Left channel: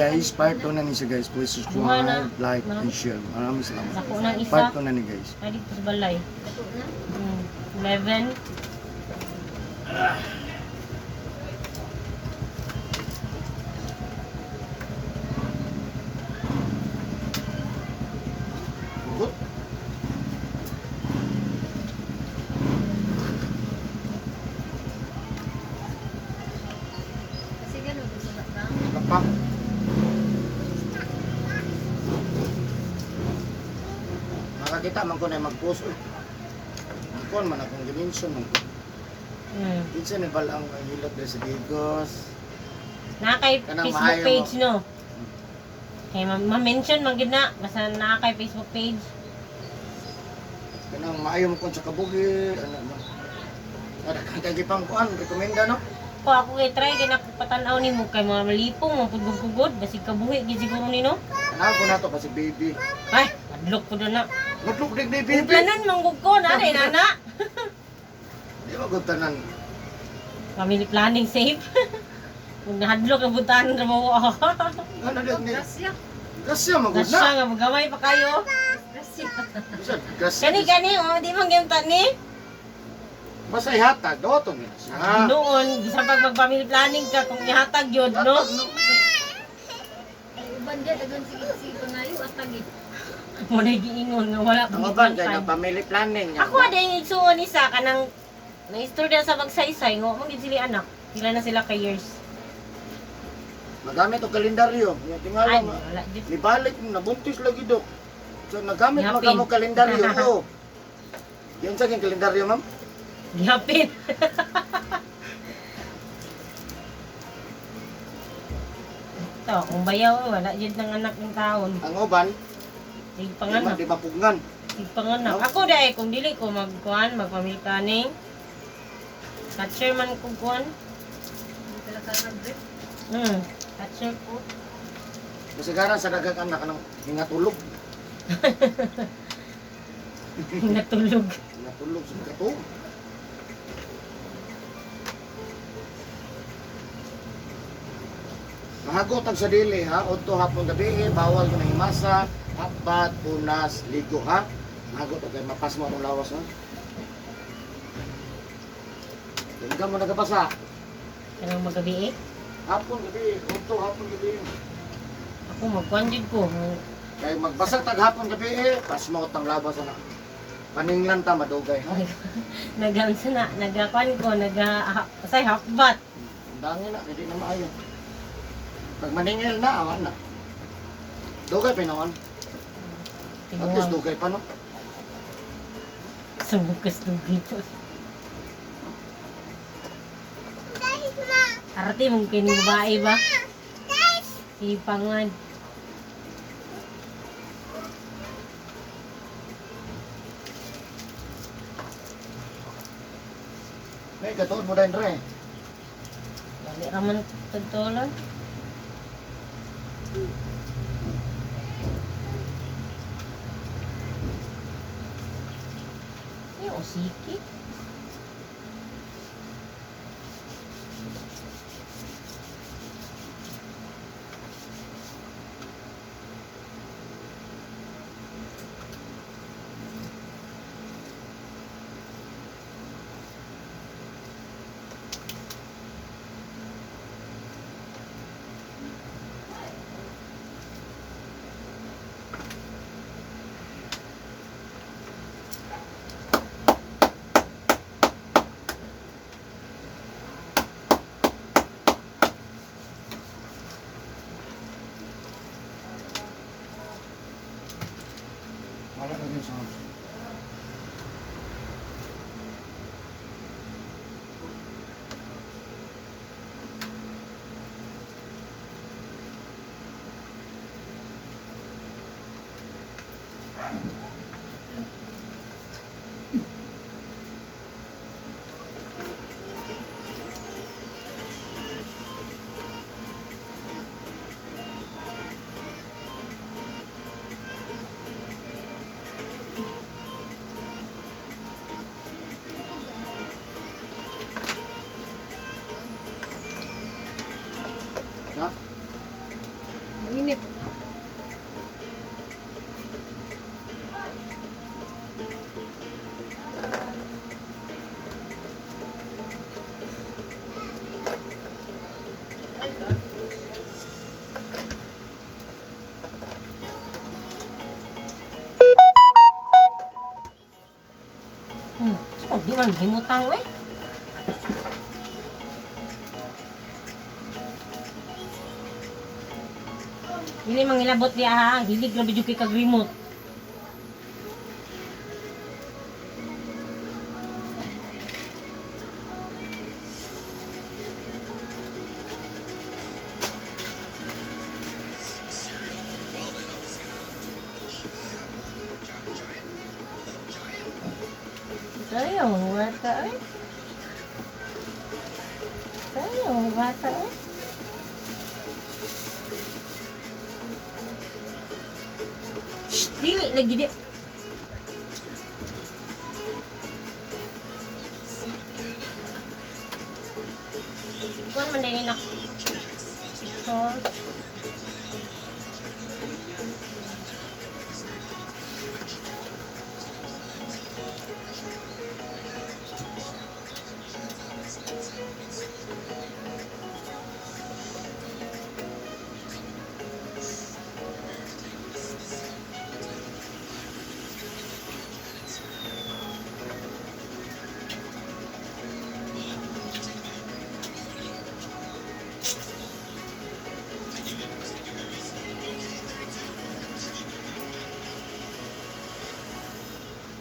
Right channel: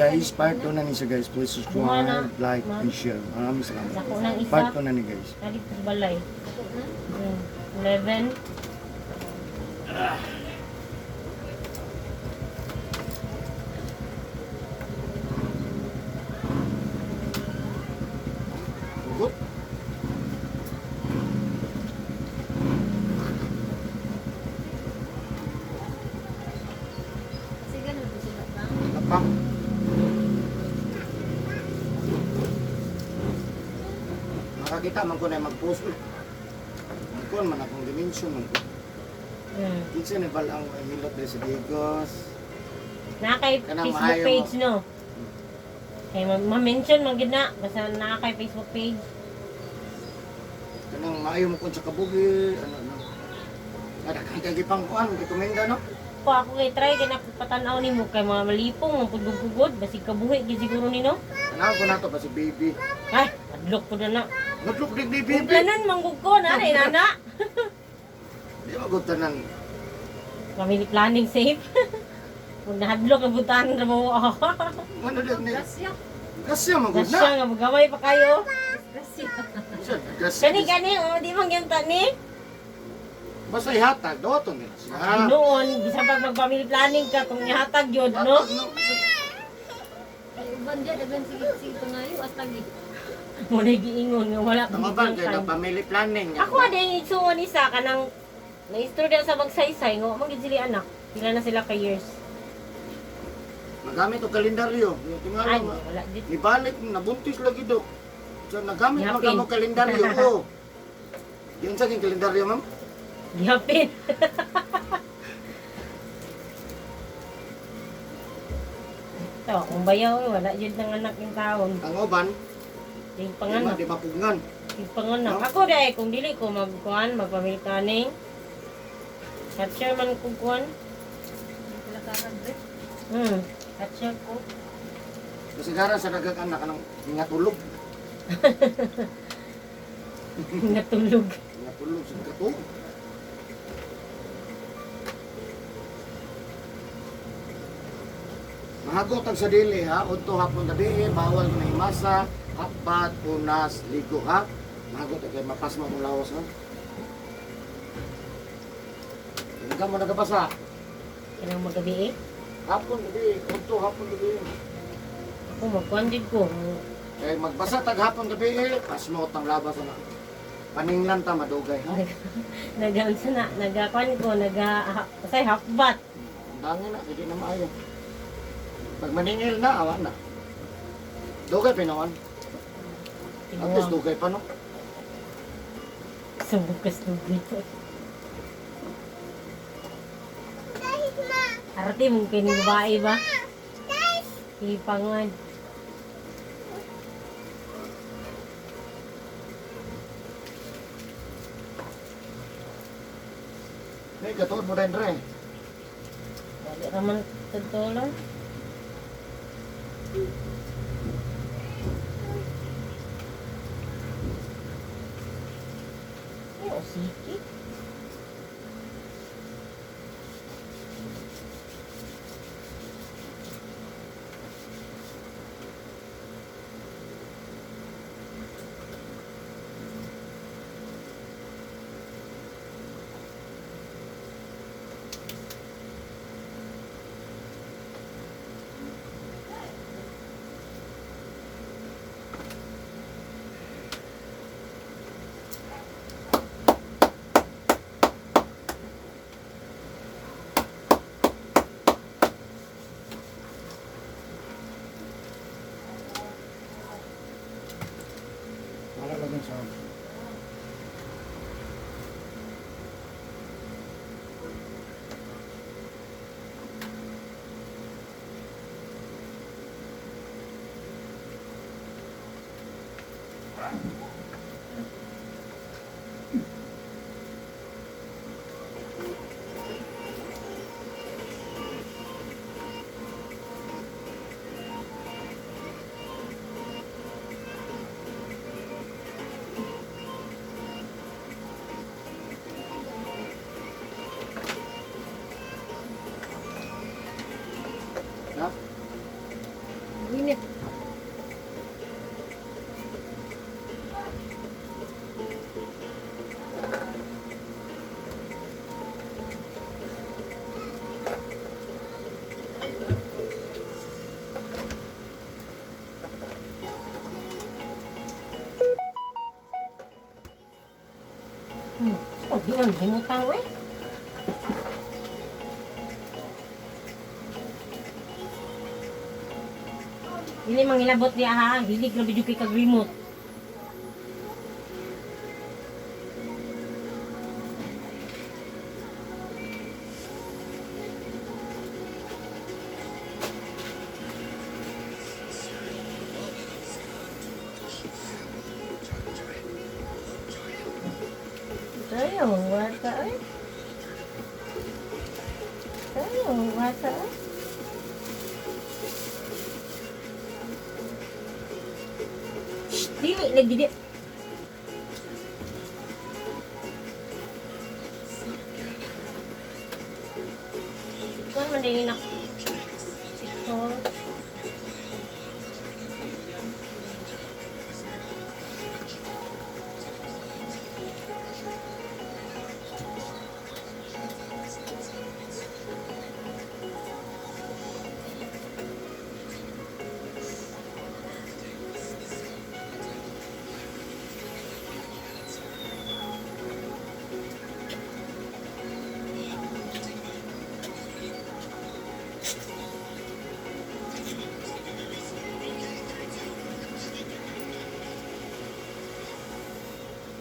guys, part 2 na ni siya guys. Please subscribe, like, and share. Maraming salamat. Ako nang isa. Part 2 na ni guys. Dito sa balay. 11. Good. Kasi ganun, susulat na. Tapak. Makakita man ko na mag-post. Magkuhan man akong dimension. Kinsa ni balang hilot dahil sa Digos. Na kay Kanang Facebook maayo page mo. no. Kaya ma-mention man gid na basta na kay Facebook page. Kanang maayo mo kung sa kabuhi. Ano. Ada kang gipang kuan, rekomenda no? Ko ako kay try kay nakapatan-aw nimo kay mga malipong mga pugod-pugod basig kabuhi gid siguro nino. Ano ko na to kasi baby. Ay, adlok ko na. Magluk dig ni baby. Kanan manggug ko na rin nana. Di ba gud tanan? Family planning safe. Kung nahadlok ang butahan ra mo. Ano din ni? Gasya. Gasya man gud Nasya na. nga magamay pa kayo. Gasya. Gasya. Gani oh, di man gyud ta ni. Basta ihatag do to nila siya. Noon, bisa pag mag-family planning ka kung ihatag yun, no? Ay, uban dyan, dagan sige pangayo at tagi. Muna giingon nga wala Tama ba kay na family planning niya? Ako din igsuon isa kanang na-istorya sa magsaysay ngo mo gid sila anak. Sila na sila ka years. Magamit og kalendaryo. Yung Ay, tingala wala gid. nibalik nabuntis lagi do. So nagamit Yapin. magamo kalendaryo do. Yan sa king kalendaryo ma'am. Gihapit. So, kung bayaw wala jud ng anak ng taon. Ang uban, Sig di panganak. mapugngan. Sig panganak. No? Ako dai kung dili ko magkuan, mag-family planning. Catcher man ko kuan. Talaga nagre. Catcher ko. Kasi garan sa dagang anak ng hingatulog. Natulog. Hingatulog sa kato. Mahagot ang sa dili ha, udto hapon gabi, bawal ko na himasa, hapat, punas, ligo ha. Mahagot ang mapas mo akong lawas ha. Hindi ka mo nagapasa. Kanang magabi eh. Hapon gabi, udto hapon gabi. Ako magkuan jud ko. Kaya magbasa tag hapon gabi pas mo tang labas na. Paninglan ta madugay ha. Nagamsa na, nagakuan ko, say hakbat. Dangin na, hindi na maayo. Pag maningil na, awan na. Dugay pinawan. At least dugay pa no. Sa bukas ng dito. Arati mong pinubae ba? Ipangan. May katuod mo rin re. Dali raman tutulan. Yo, siki. Wala na din sa init. Oh, di man himutang eh. Dili mangilabot di ha, hilig na bidyo kay kag remote. Tayo, wata eh. Tayo, wata eh. Dili lagi dia. Kuan man din nak. Oh.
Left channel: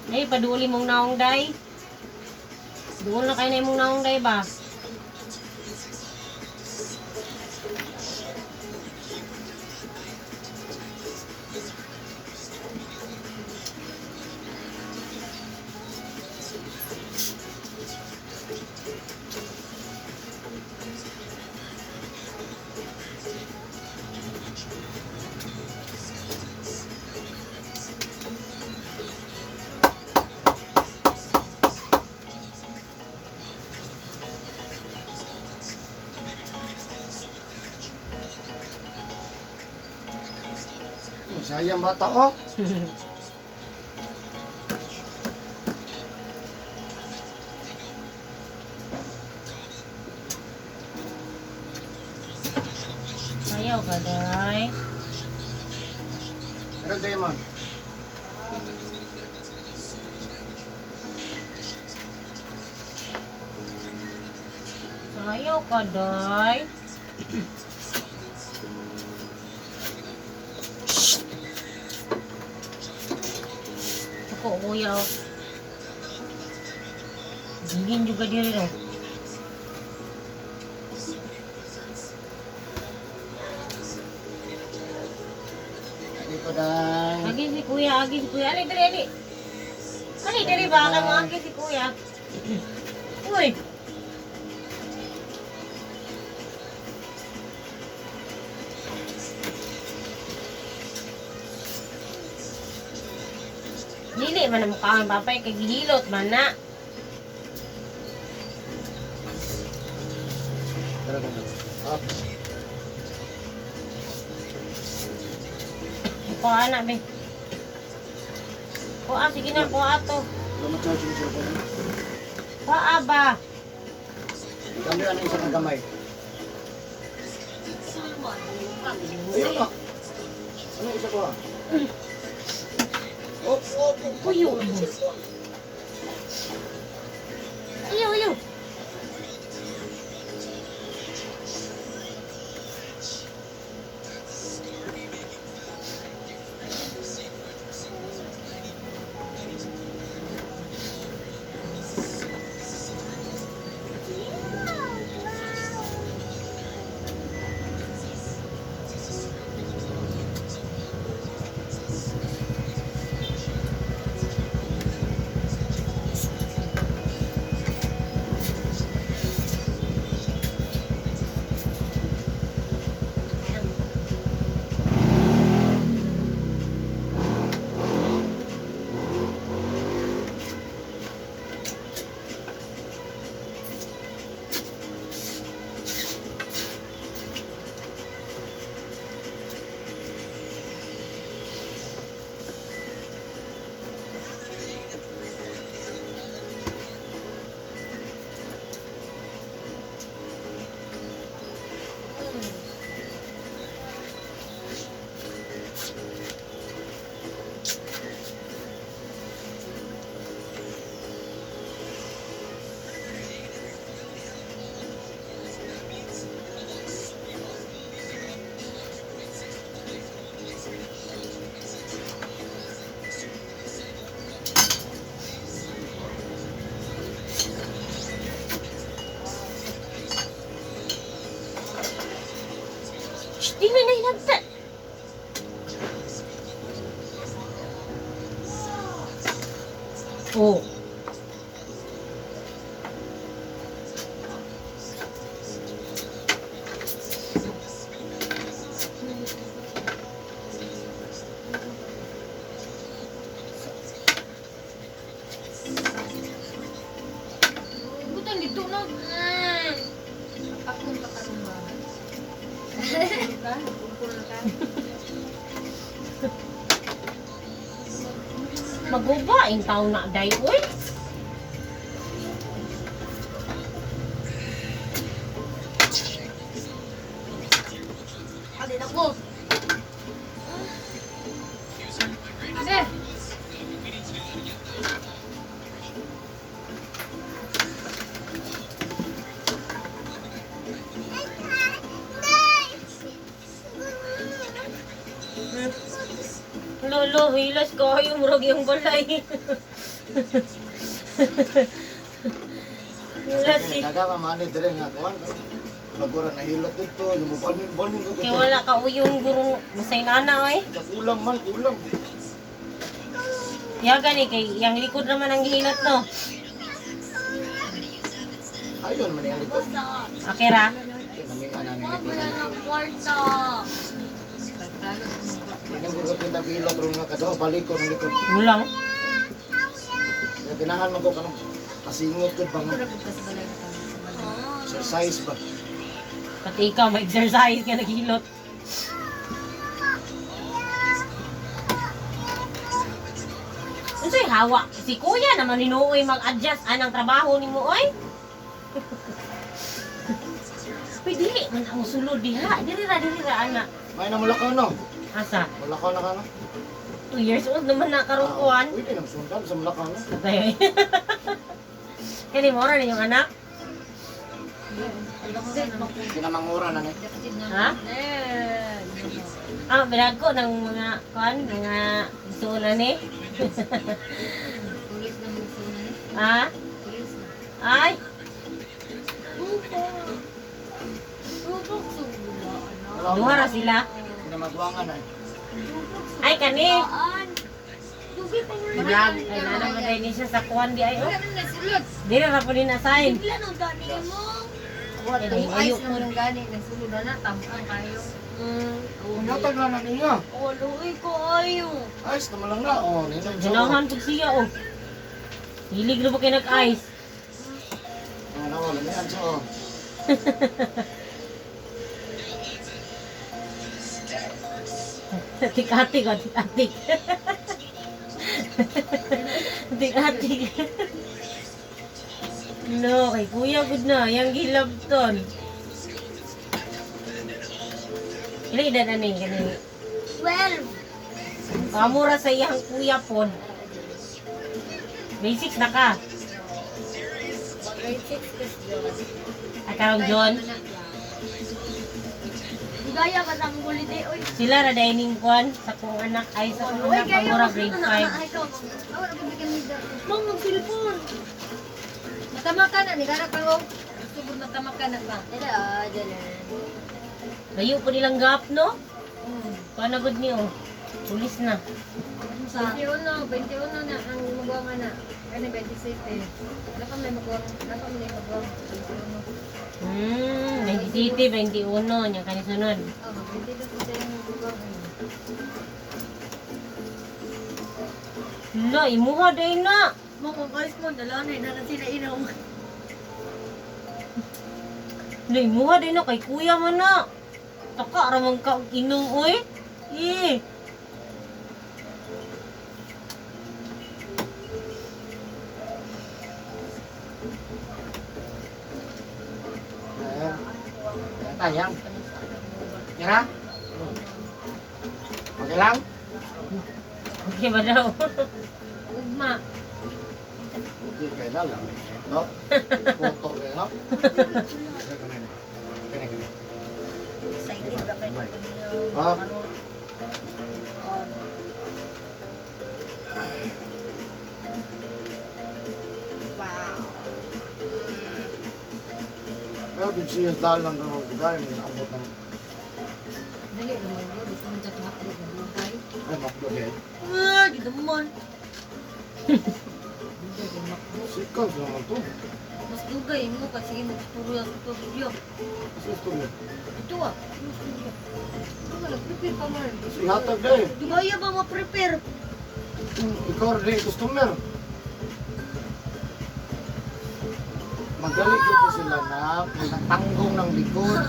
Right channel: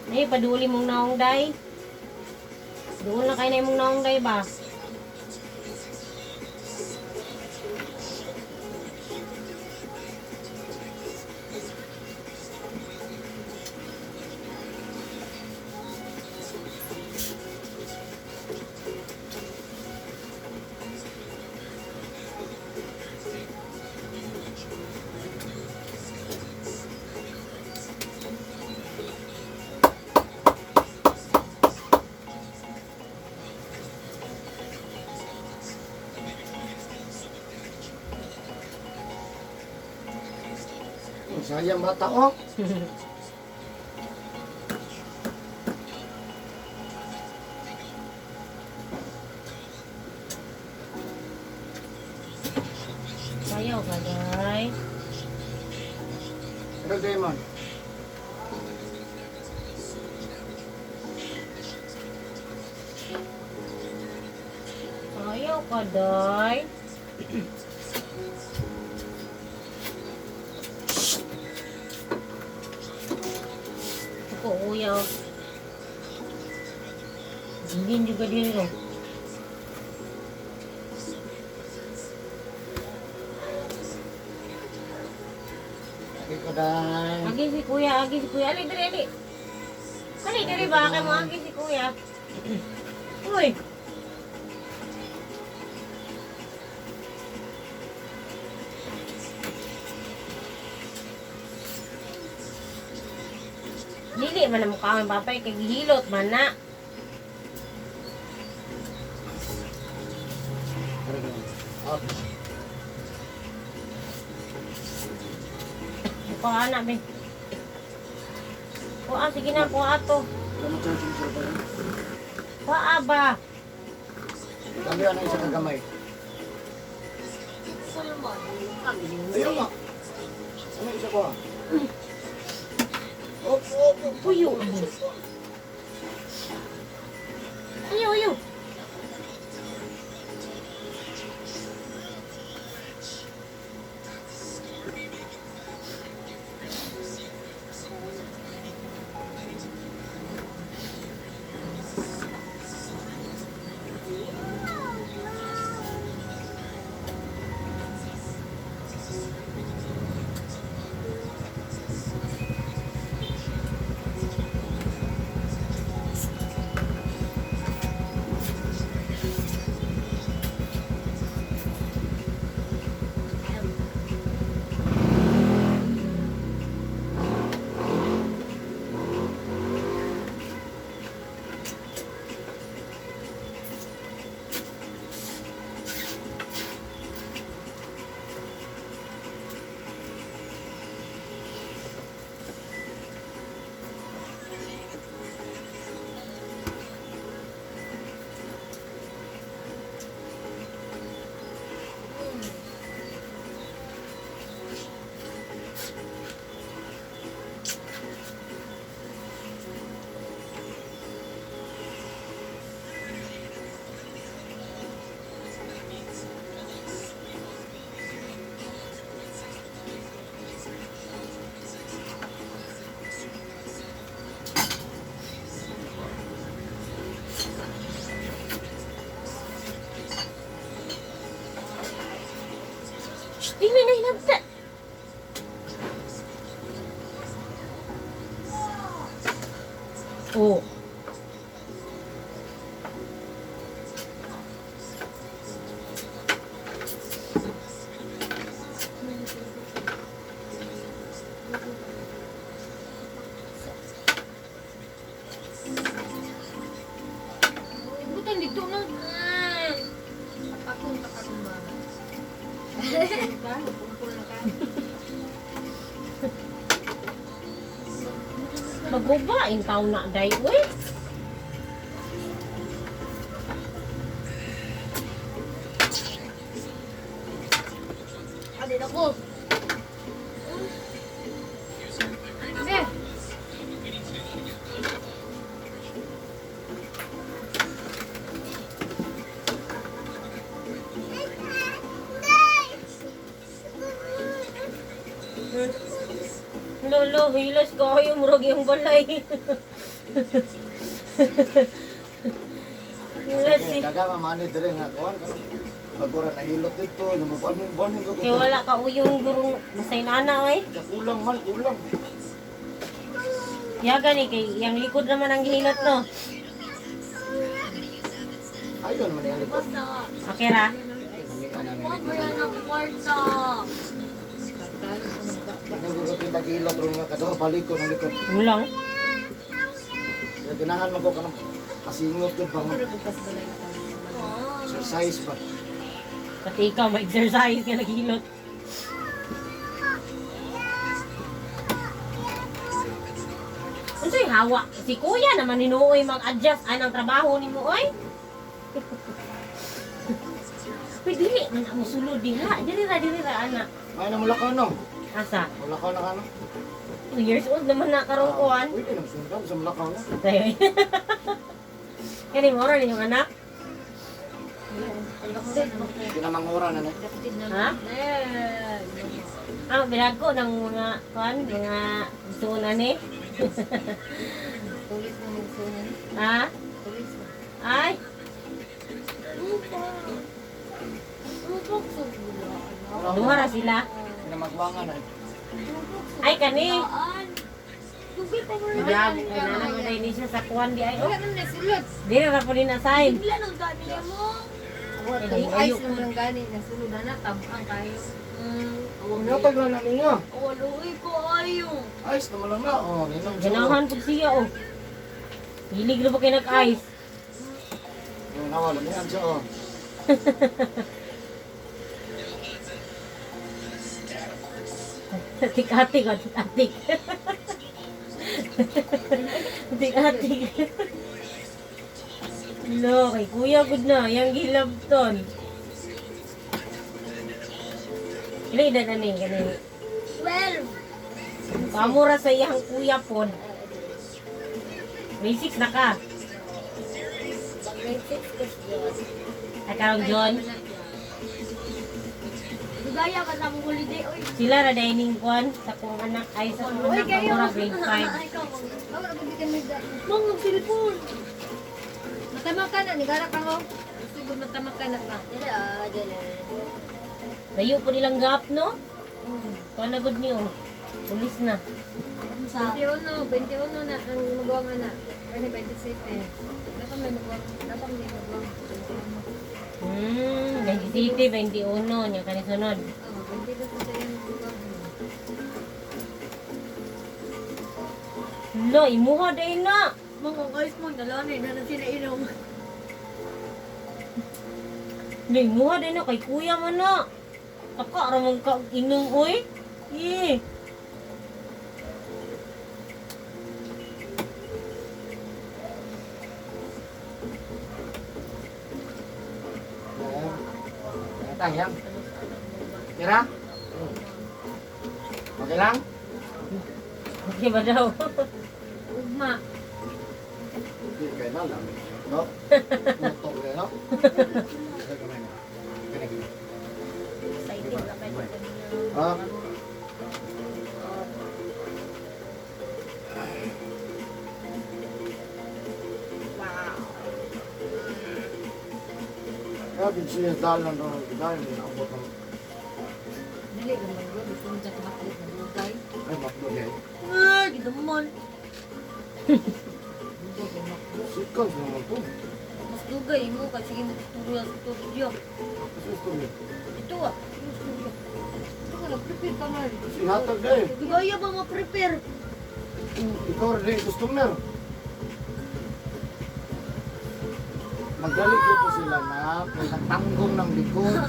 Eh, paduli mong naong day. Doon na kayo na mong naong day ba? Sayang bata oh. Ayaw ka, day. Pero Demon, Ayaw ka, day. Ako, kuya. Dingin juga diri ro. hindi pa dahil. Agi si kuya, agi si kuya. Ali, dali, ali. Ali, dali ba? Kamu agi si kuya. Uy. Dili man ang mukha ng papay, kay gihilot man na. Pero ganun. Up. Kuha na, be. Kuha, sige na, kuha to. Pero ma-charging sila pa rin. Kuha ba? Kami ano isa na gamay. Ayun nga. Ano isa ko ah? Uyo. Uyo, uyo. Oh. Bukan dito no. Pakun pa karon ba. Ka, kumpul na ka. Magubaing taon na day, uy. Adi na ko. Eh, Lolo, hilas ko yung murag yung balay. Hilas eh. Daga mamani dire nga kuan. Magura na hilot dito, lumuban ko. Kaya wala ka uyong gurong masay nana eh. Kulang man, kulang. Ya gani kay yang likod naman ang hilot no. Ayun man yung likod. Akira. Mamita na ang likod. kwarta. Nagugod kita kilot rin nga kadaw, balik ko ng likod. Ulang. Kaya ganahan mo ko kanong kasingot ko pang exercise ba. Pati ikaw ma-exercise ka naghilot. Unsay hawa? Si kuya naman ninuoy mag-adjust anang trabaho ni mo oy. Pwede man ang sulod diha. Diri ra ana. May na mula ka no? Asa? Mula ka na ka no? 2 years old naman na karong kuan. Pwede nang sundan sa mula ka no? Kani mo ra yung anak? Kinamangura na na. Ha? Ah, binag ko ng mga kuan, mga sunan ni. Tulis na mo sunan. Ha? Tulis na. Ay, Lupa. Lupa sa gula, anak. duha ra sila. Kinamagwangan na. Ay kani. Tugay pa mo Binag, ay nana mo dahil ni siya sa kuan di ay. Wala na nasulod. Di na ra pa rin assign. Bigla nang dani mo. What Ay, the ayaw ice naman ang gani. Nasulod na tabang kayo. Natag lang na ninyo. Luoy ko ayo. Ayos naman lang na. Oh, ninong siya. Ganahan pud siya oh. Hilig na ba kayo nag-ice? Ayan ako, lamihan siya oh. Atik-atik, atik-atik. Atik-atik. No, kay kuya gud na, yang gilabton. Ile edad na ni kanini. 12. Kamura sa iyang kuya pon. May 6 na ka. Grade 6 kasi yun. Ay karong John. Gaya ka sa mong holiday, oy. Sila ra dining kwan sa kong anak ay sa kong Oy, anak kayo. kamura grade 5. Wala ko bigyan ni Dad. Mong ang cellphone. Matama ka na, nigarap ka ho. Sige, matama ka na ba? Dala. Layo po nilang gap no? Panagod niyo. Pulis na. Sa 21 na ang magawa na. Ay, na 27 eh. Dapat may magawa. Dapat may magawa. 27, 21, yung kanisunod. Oo, 20 na sa yung magawa. Lo, imuha day na. Mo kung guys mo, dalanin na natin na inom. Lo, imuha day na kay kuya man na. Taka, ramang ka inom, oy. Eh. Ayan. Kira? Okay lang? Okay ba daw? Ugma. Okay, kaya na lang. No? Putok rin, no? Excited ka ba? Ha? Kaya siya dahil lang daw, dahil may naabot ng Dali naman bro, gusto mo dyan tumaklit na buhay. ay maklo din. Gidamon. ikaw, sino naman to? Mas dugay mo kasi sige mo studio. Kasi ito niya. Ito ah, yung studio. Ito ka lang, prepare ka man. Kasi ihatag na eh. Dugaya ba ma-prepare? Ikaw rin yung customer. Magaling dito sila na nagtanggong ng likod.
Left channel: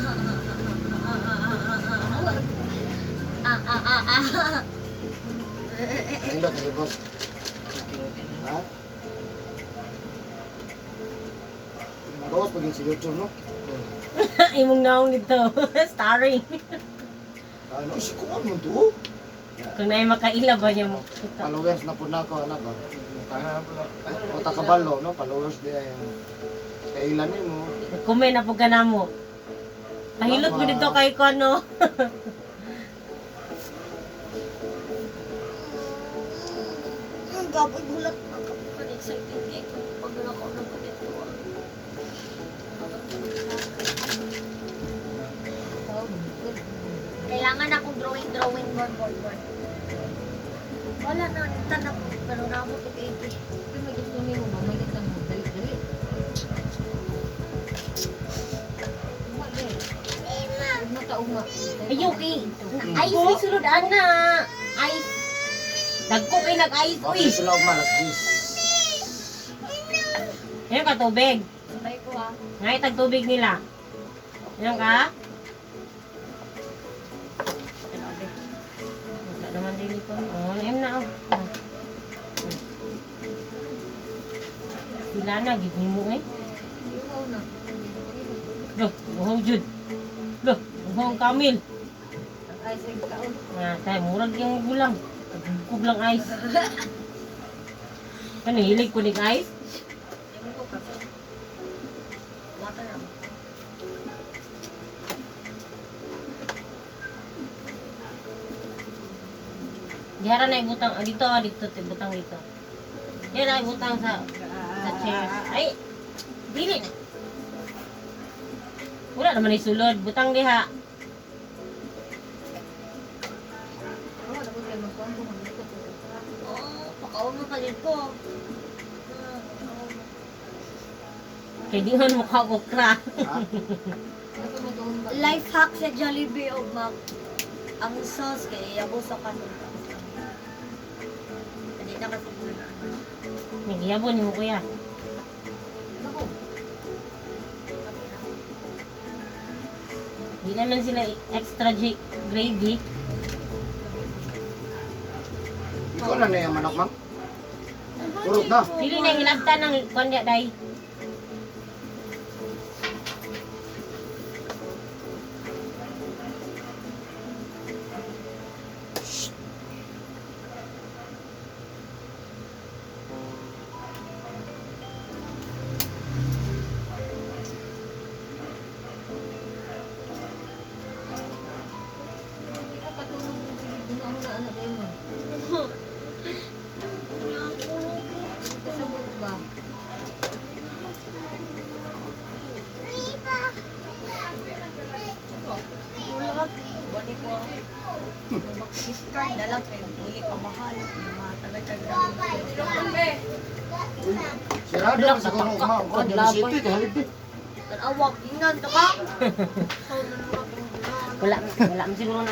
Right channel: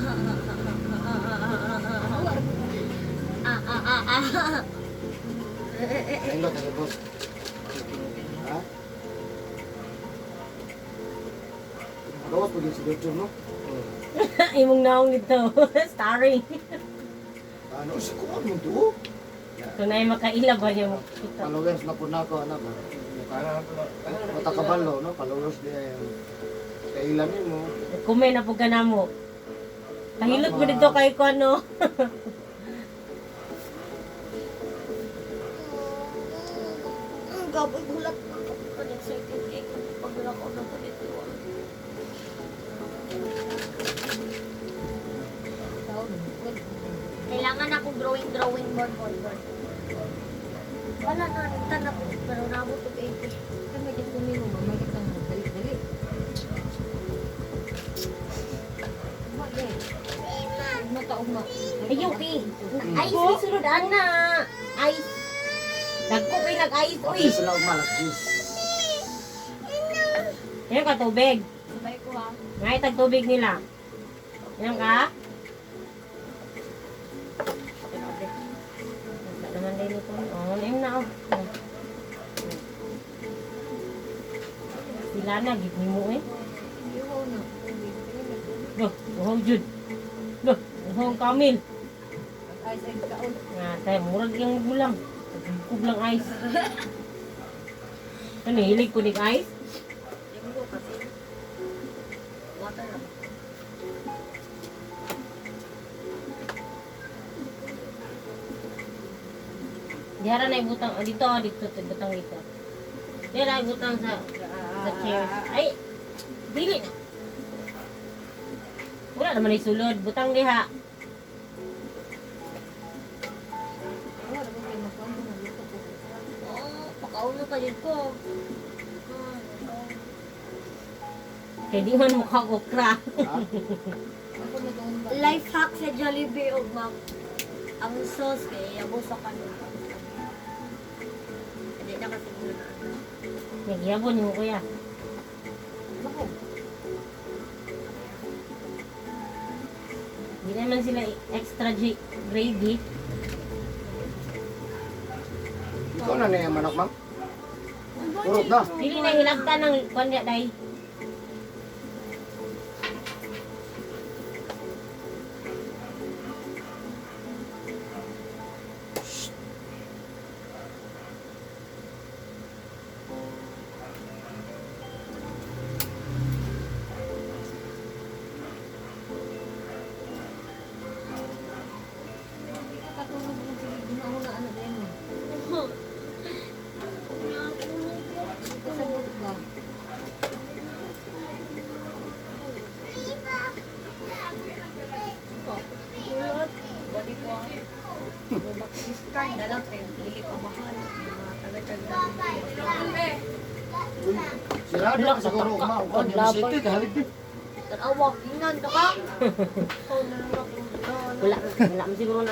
Ayun ba tayo, boss? Ha? Gawas pag yung si YouTube, no? Imong naong nito. Starring. Ano, si Kuan mo to? Kung na'y makaila ba niya mo. Followers na po na ako, ano ba? Mata kabalo, no? Followers di ay kailan mo. Kumain na po ka na mo. Nahilot mo dito kay ko ano. Gabay bulat. Excited eh. Pagbulat ko ng kapit. Kailangan akong drawing more. Wala na, tanap. Pero nabot ko 80. Ay, may gusto niyo mo, may gusto mo. Dali. Mataog nga. Ayaw eh. Ice ni sulod ana. Ice. Nagko kay nag-ice Bakit uy. sila umalas, please? Yan ka tubig. Sabay ko ha. Ngay tag tubig nila. Yan ka? Wala naman din ito. Oh, naim na oh. Sila na, gid ni mo eh. Yung una. Loh, buhaw jud. Loh, buhaw Kamil. Ay, sa kaon. Tayo, murag yung gulang. Kublang ice. Ano, hilig ko ng ice? Yung ko kasi. Water lang. Dihara na ibutang, dito, ibutang dito. Dihara ibutang sa chair. Ay, dili. Wala naman isulod, butang diha. Wala ko kayo magkuhan kung magluto ko. Pakaon mo pa din ko. Kaya di man mukha okra. Ha? Life hack sa Jollibee o ma'am. Ang sauce kay yabo sa kanin. Hindi na kasi Nagyabon mo kuya. Ako. Di naman sila extra gravy. Ikaw na na yung manok, ma'am? Kurot na. Dili na hinagta ng kanya day. Katulog mo sige gumawa na anak na yun. Kasabot ba? Ulot. Bani ko. Mag-discard na lang kayo. Hindi pa mahal. Talagang Sirado ka sa kurot, ma'am. Kuan, yung city, kahalip din. Awag, inan ka ka? Wala, wala mo siguro na.